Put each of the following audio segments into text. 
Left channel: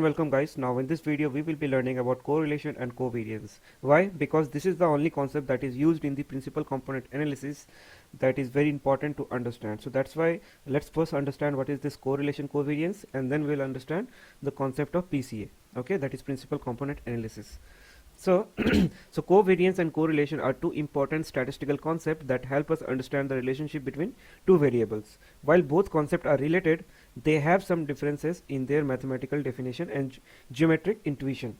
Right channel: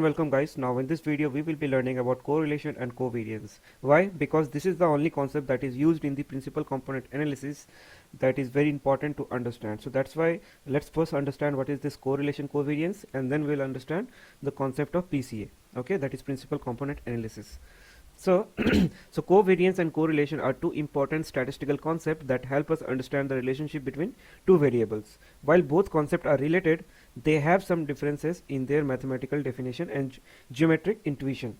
and welcome guys. Now in this video we will be learning about correlation and covariance. Why? Because this is the only concept that is used in the principal component analysis that is very important to understand. So that's why let's first understand what is this correlation covariance, and then we'll understand the concept of PCA. Okay, that is principal component analysis. So, so covariance and correlation are two important statistical concepts that help us understand the relationship between two variables. While both concepts are related, they have some differences in their mathematical definition and geometric intuition.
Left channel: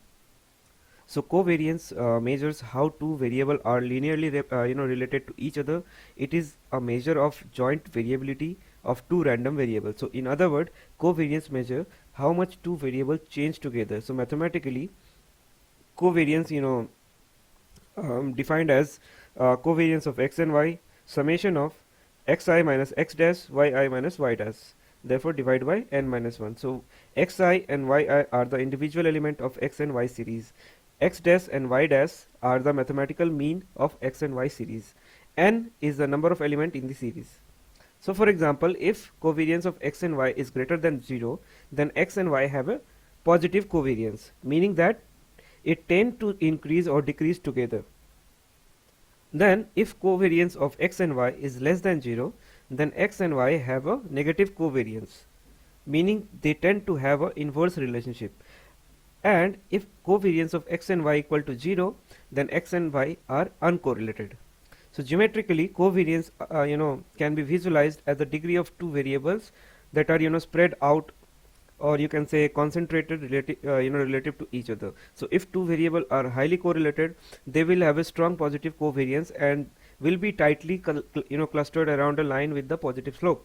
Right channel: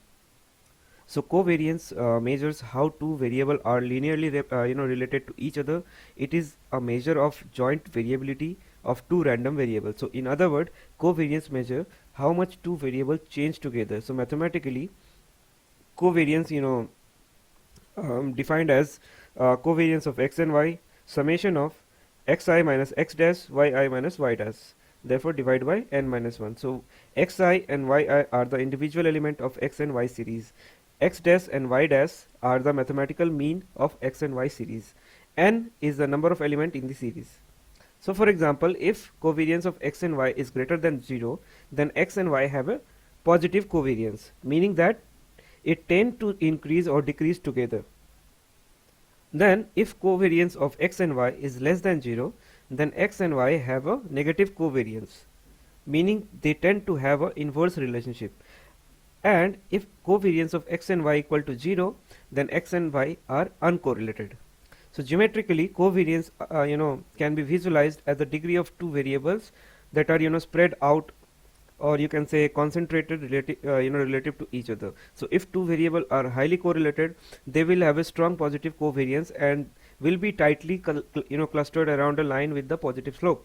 So covariance measures how two variables are linearly related to each other. It is a measure of joint variability of two random variables. So in other words, covariance measure how much two variables change together. So mathematically, covariance defined as covariance of x and y, summation of xi minus x dash yi minus y dash, therefore divided by n minus 1. So xi and yi are the individual element of x and y series. X dash and y dash are the mathematical mean of x and y series. N is the number of element in the series. So for example, if covariance of x and y is greater than 0, then x and y have a positive covariance, meaning that it tend to increase or decrease together. Then if covariance of x and y is less than 0, then x and y have a negative covariance, meaning they tend to have an inverse relationship. And if covariance of x and y equal to 0, then x and y are uncorrelated. So geometrically, covariance can be visualized as the degree of two variables that are spread out, or you can say concentrated relative to each other. So if two variables are highly correlated, they will have a strong positive covariance and will be tightly clustered around a line with the positive slope.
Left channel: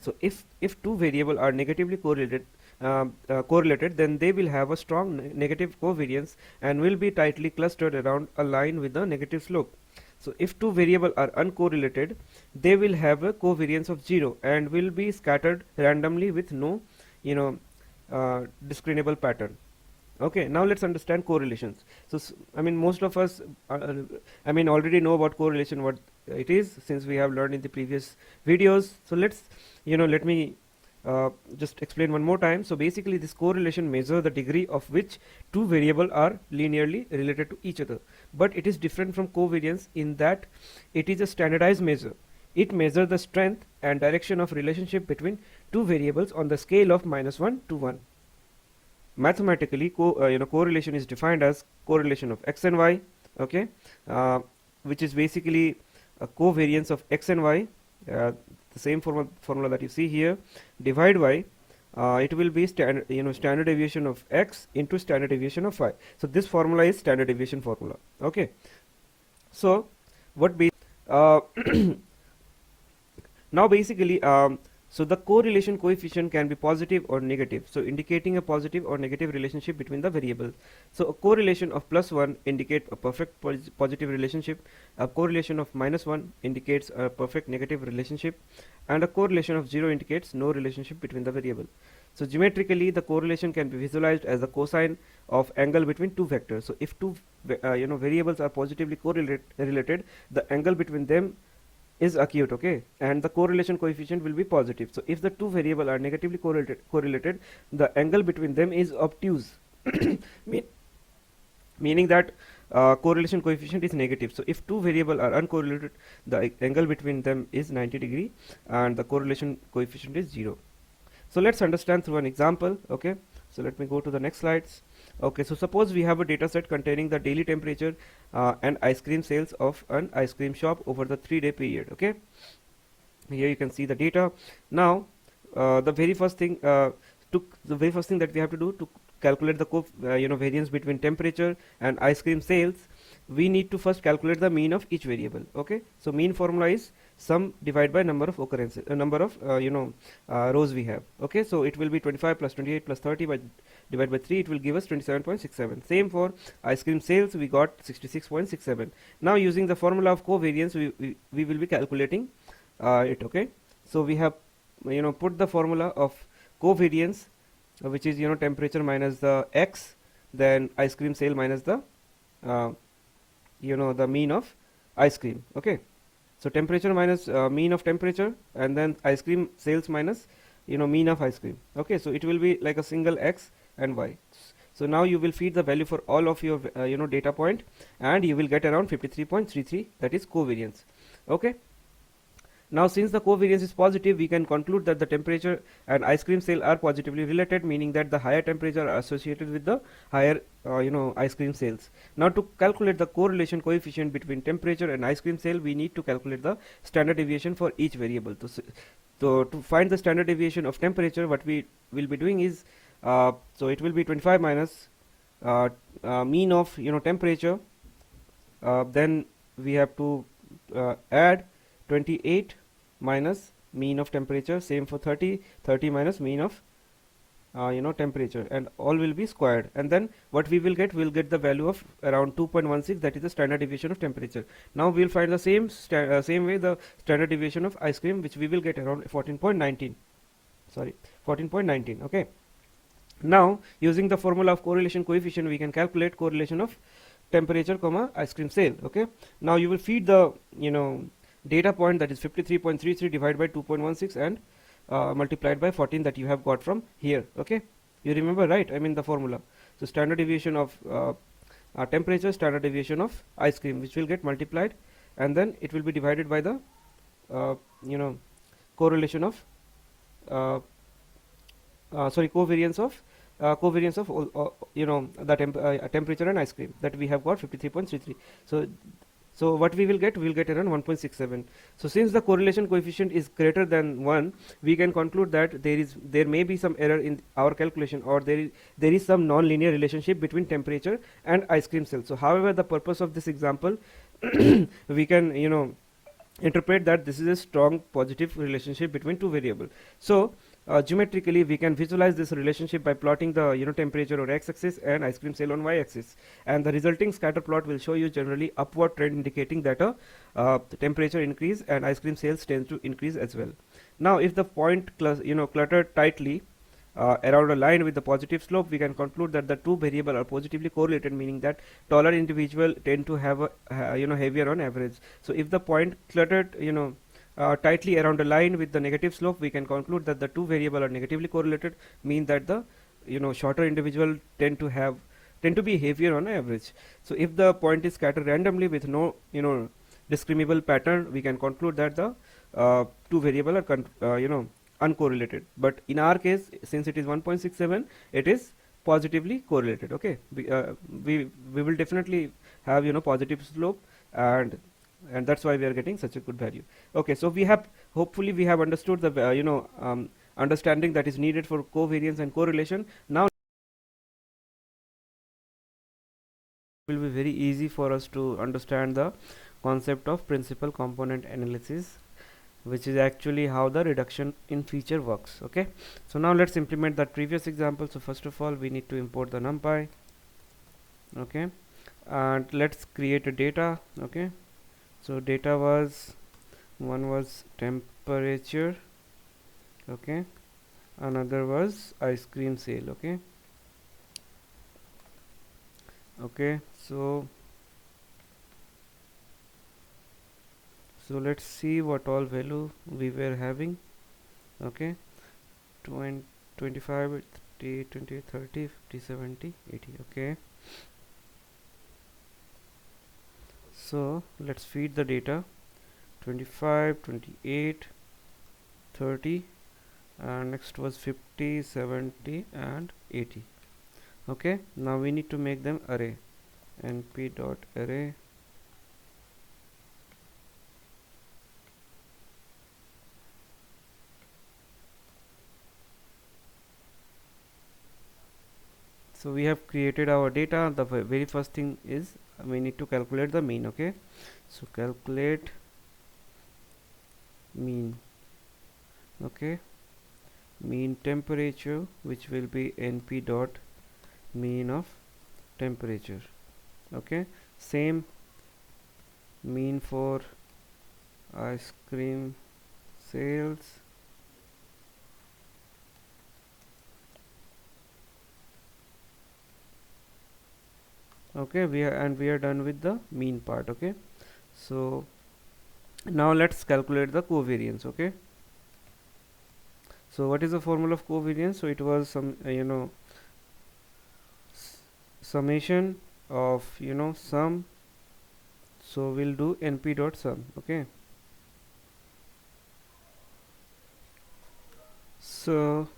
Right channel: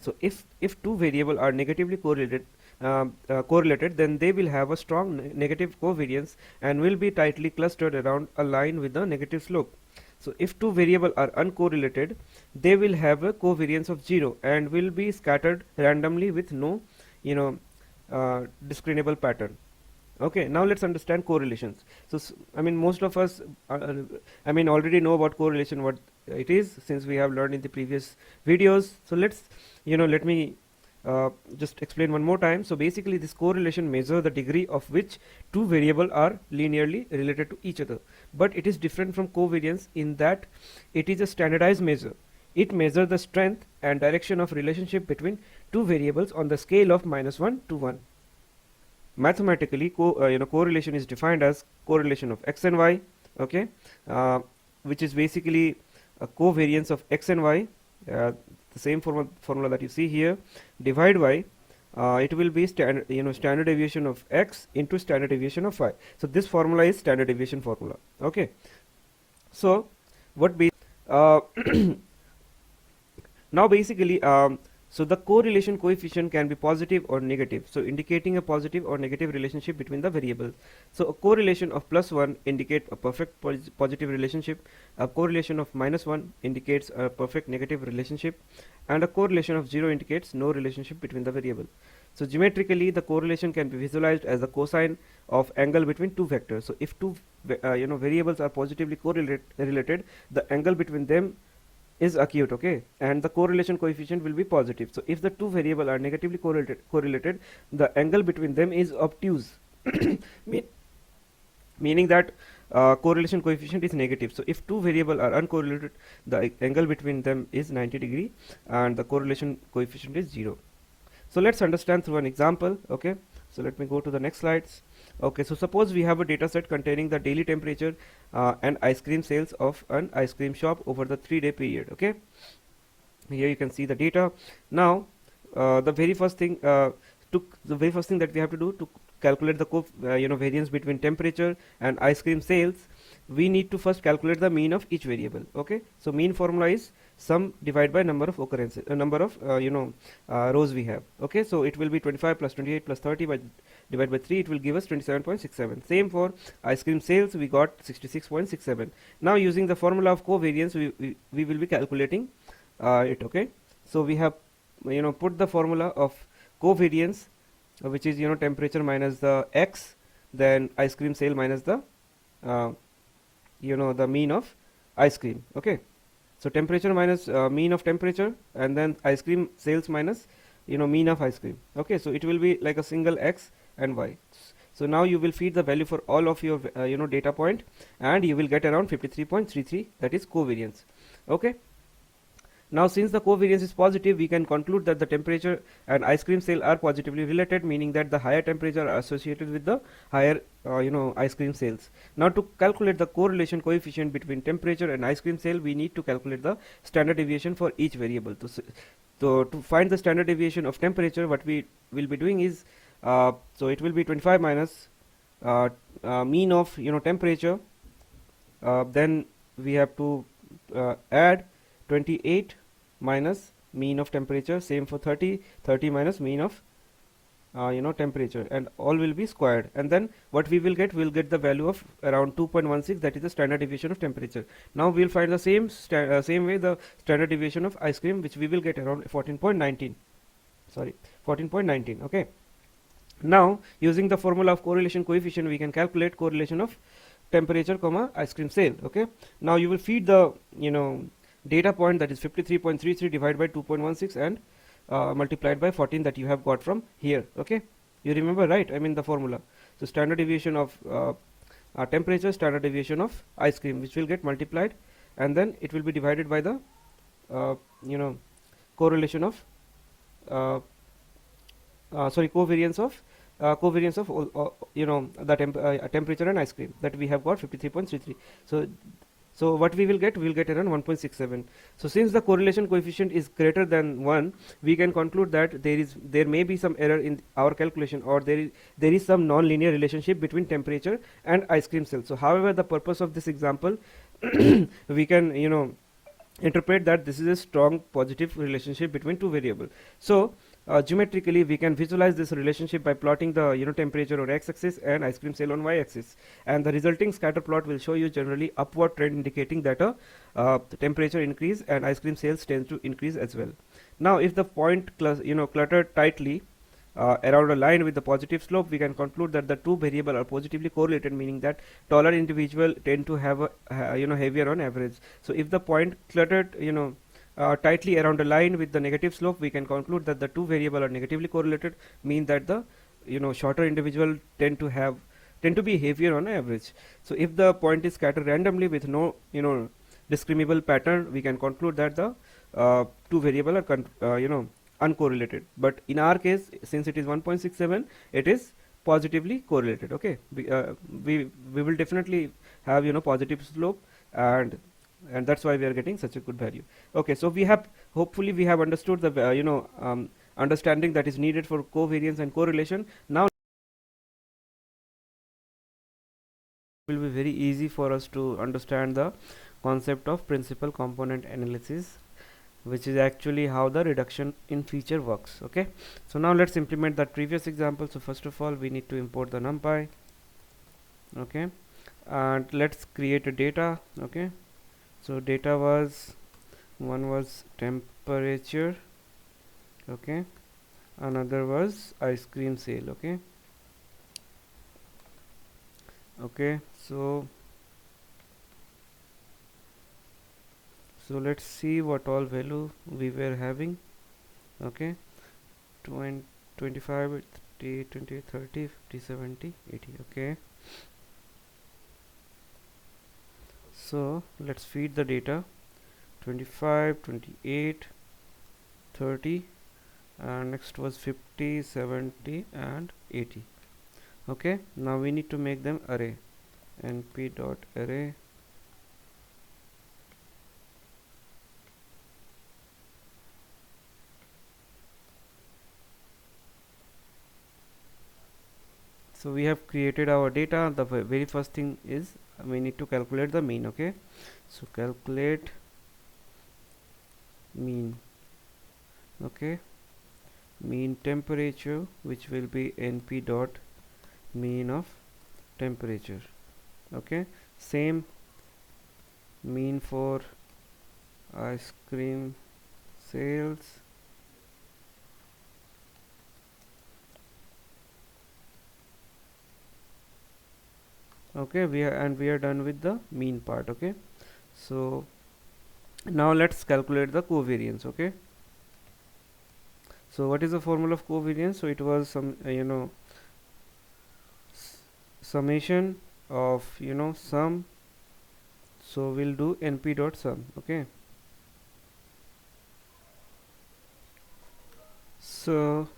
So if two variables are negatively correlated, then they will have a strong negative covariance and will be tightly clustered around a line with the negative slope. So if two variables are uncorrelated, they will have a covariance of 0 and will be scattered randomly with no discernible pattern. Okay, now let's understand correlations. So most of us already know about correlation, what it is, since we have learned in the previous videos. So let me just explain one more time. So basically, this correlation measures the degree of which two variables are linearly related to each other, but it is different from covariance in that it is a standardized measure. It measures the strength and direction of relationship between two variables on the scale of -1 to 1. Mathematically, correlation is defined as correlation of x and y, okay, which is basically a covariance of x and y, the same formula that you see here, divided by it will be standard deviation of x into standard deviation of y. So this formula is standard deviation formula. Okay, so what be now basically so the correlation coefficient can be positive or negative, so indicating a positive or negative relationship between the variable. So a correlation of +1 indicates a perfect positive relationship, a correlation of -1 indicates a perfect negative relationship, and a correlation of 0 indicates no relationship between the variable. So geometrically, the correlation can be visualized as the cosine of angle between two vectors. So if two variables are positively related, the angle between them is acute, okay, and the correlation coefficient will be positive. So if the two variables are negatively correlated, the angle between them is obtuse, meaning that correlation coefficient is negative. So if two variables are uncorrelated, the angle between them is 90 degree and the correlation coefficient is 0. So let's understand through an example. Okay, so let me go to the next slides. Okay, so suppose we have a data set containing the daily temperature and ice cream sales of an ice cream shop over the 3-day period. Okay, here you can see the data. Now the very first thing that we have to do to calculate the variance between temperature and ice cream sales, we need to first calculate the mean of each variable. Okay, so mean formula is sum divided by number of occurrences, number of rows we have. Okay, so it will be 25 plus 28 plus 30 divided by 3, it will give us 27.67. Same for ice cream sales, we got 66.67. Now using the formula of covariance, we will be calculating it. Okay, so we have put the formula of covariance, which is temperature minus the x, then ice cream sale minus the the mean of ice cream. Okay, so temperature minus mean of temperature, and then ice cream sales minus mean of ice cream. Okay, so it will be like a single x and y. So now you will feed the value for all of your data point, and you will get around 53.33, that is covariance. Okay. Now, since the covariance is positive, we can conclude that the temperature and ice cream sale are positively related, meaning that the higher temperature are associated with the higher, ice cream sales. Now, to calculate the correlation coefficient between temperature and ice cream sale, we need to calculate the standard deviation for each variable. So to find the standard deviation of temperature, what we will be doing is, so it will be 25 minus mean of temperature. Then we have to add 28 minus mean of temperature, same for 30 minus mean of temperature, and all will be squared, and then what we will get, we'll get the value of around 2.16, that is the standard deviation of temperature. Now we'll find the same way the standard deviation of ice cream, which we will get around 14.19. Okay. Now, using the formula of correlation coefficient, we can calculate correlation of temperature comma ice cream sale. Okay. Now you will feed the data point, that is 53.33 divided by 2.16 and multiplied by 14 that you have got from here. Okay. You remember, right? I mean the formula. So standard deviation of temperature, standard deviation of ice cream, which will get multiplied, and then it will be divided by the correlation of covariance of the temperature and ice cream, that we have got 53.33. So what we will get around 1.67. So since the correlation coefficient is greater than 1, we can conclude that there may be some error in our calculation, or there is some non-linear relationship between temperature and ice cream sale. So however, the purpose of this example, we can interpret that this is a strong positive relationship between two variables. So geometrically we can visualize this relationship by plotting the temperature on x-axis and ice cream sale on y-axis, and the resulting scatter plot will show you generally upward trend, indicating that the temperature increase and ice cream sales tends to increase as well. Now if the point cluttered tightly around a line with the positive slope, we can conclude that the two variables are positively correlated, meaning that taller individual tend to have a heavier on average. So if the point cluttered tightly around a line with the negative slope, we can conclude that the two variables are negatively correlated, mean that the shorter individual tend to be heavier on average. So if the point is scattered randomly with no discriminable pattern, we can conclude that the two variables are uncorrelated. But in our case, since it is 1.67, it is positively correlated. Okay, we will definitely have positive slope, and that's why we are getting such a good value. Okay, so hopefully we have understood the understanding that is needed for covariance and correlation. Now it will be very easy for us to understand the concept of principal component analysis, which is actually how the reduction in feature works. Okay, so now let's implement that previous example. So first of all, we need to import the NumPy. Okay, and let's create a data. Okay, so data one was temperature. Okay, another was ice cream sale. Okay, so let's see what all value we were having. Okay, 25, 30, 20, 30, 50, 70, 80. Okay, so let's feed the data 25, 28, 30, and next was 50, 70, and 80. Okay, now we need to make them array. np.array so we have created our data. The very first thing is we need to calculate the mean. Okay, so calculate mean. Okay, mean temperature, which will be np dot mean of temperature. Okay, same mean for ice cream sales. Okay, we are done with the mean part. Okay, so now let's calculate the covariance. Okay, so what is the formula of covariance? So it was some summation of sum. So we'll do np dot sum. Okay, so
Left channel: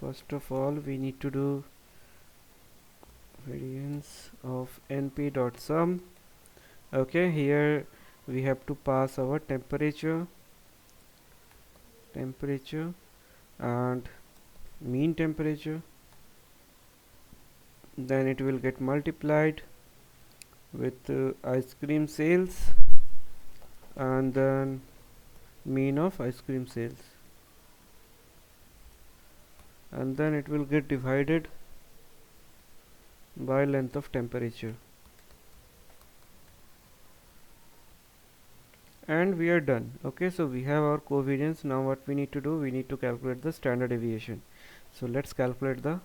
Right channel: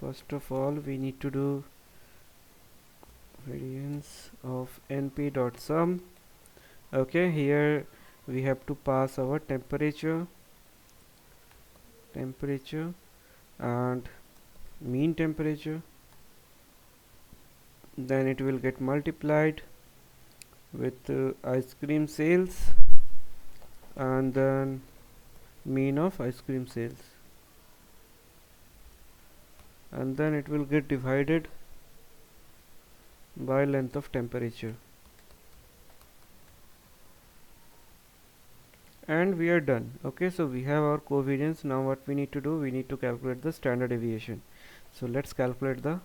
first of all we need to do variance of np dot sum. Okay, here we have to pass our temperature and mean temperature, then it will get multiplied with ice cream sales and then mean of ice cream sales, and then it will get divided by length of temperature, and we are done. Okay, so we have our covariance. Now what we need to do, we need to calculate the standard deviation. So let's calculate the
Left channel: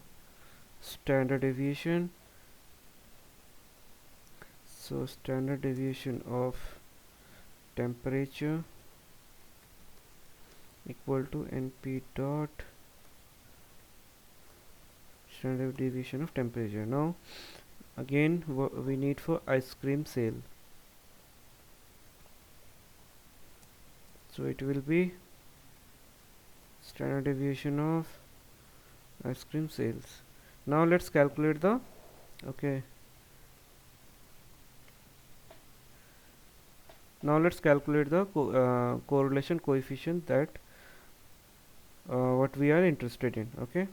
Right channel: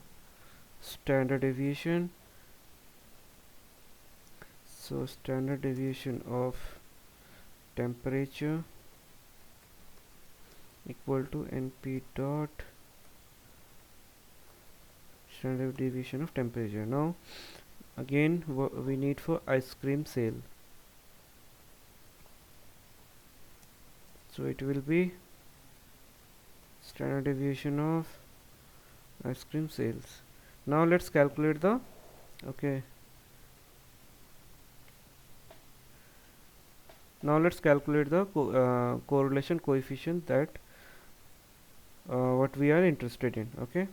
standard deviation. So standard deviation of temperature equal to np dot standard deviation of temperature. Now again we need for ice cream sale, so it will be standard deviation of ice cream sales. Now let's calculate the correlation coefficient, that what we are interested in. Okay,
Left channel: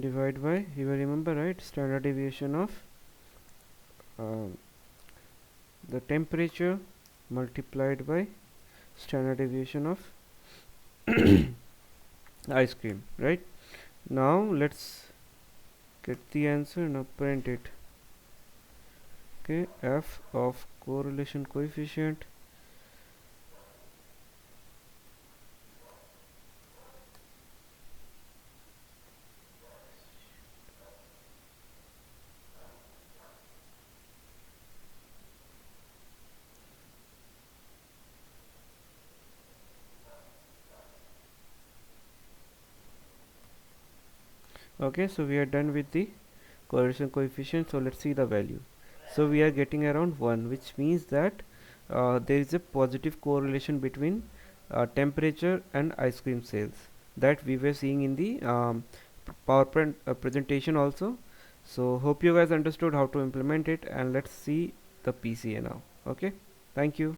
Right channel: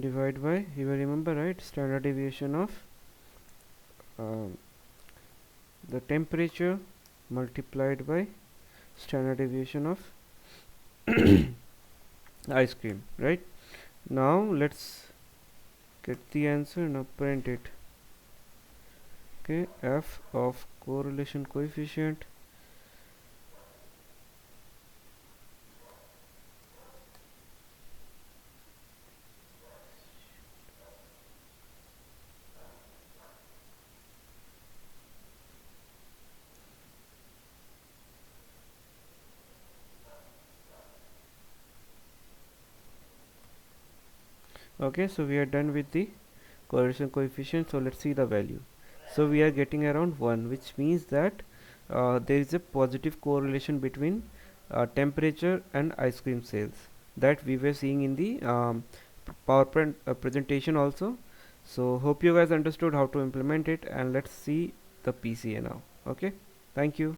divide by, you will remember, right, standard deviation of the temperature multiplied by standard deviation of ice cream, right? Now let's get the answer. Now print it. Okay, f of correlation coefficient okay, so we are done with the correlation coefficient. So let's see the value. So we are getting around 1, which means that there is a positive correlation between temperature and ice cream sales, that we were seeing in the PowerPoint presentation also. So hope you guys understood how to implement it, and let's see the PCA now. Okay, thank you.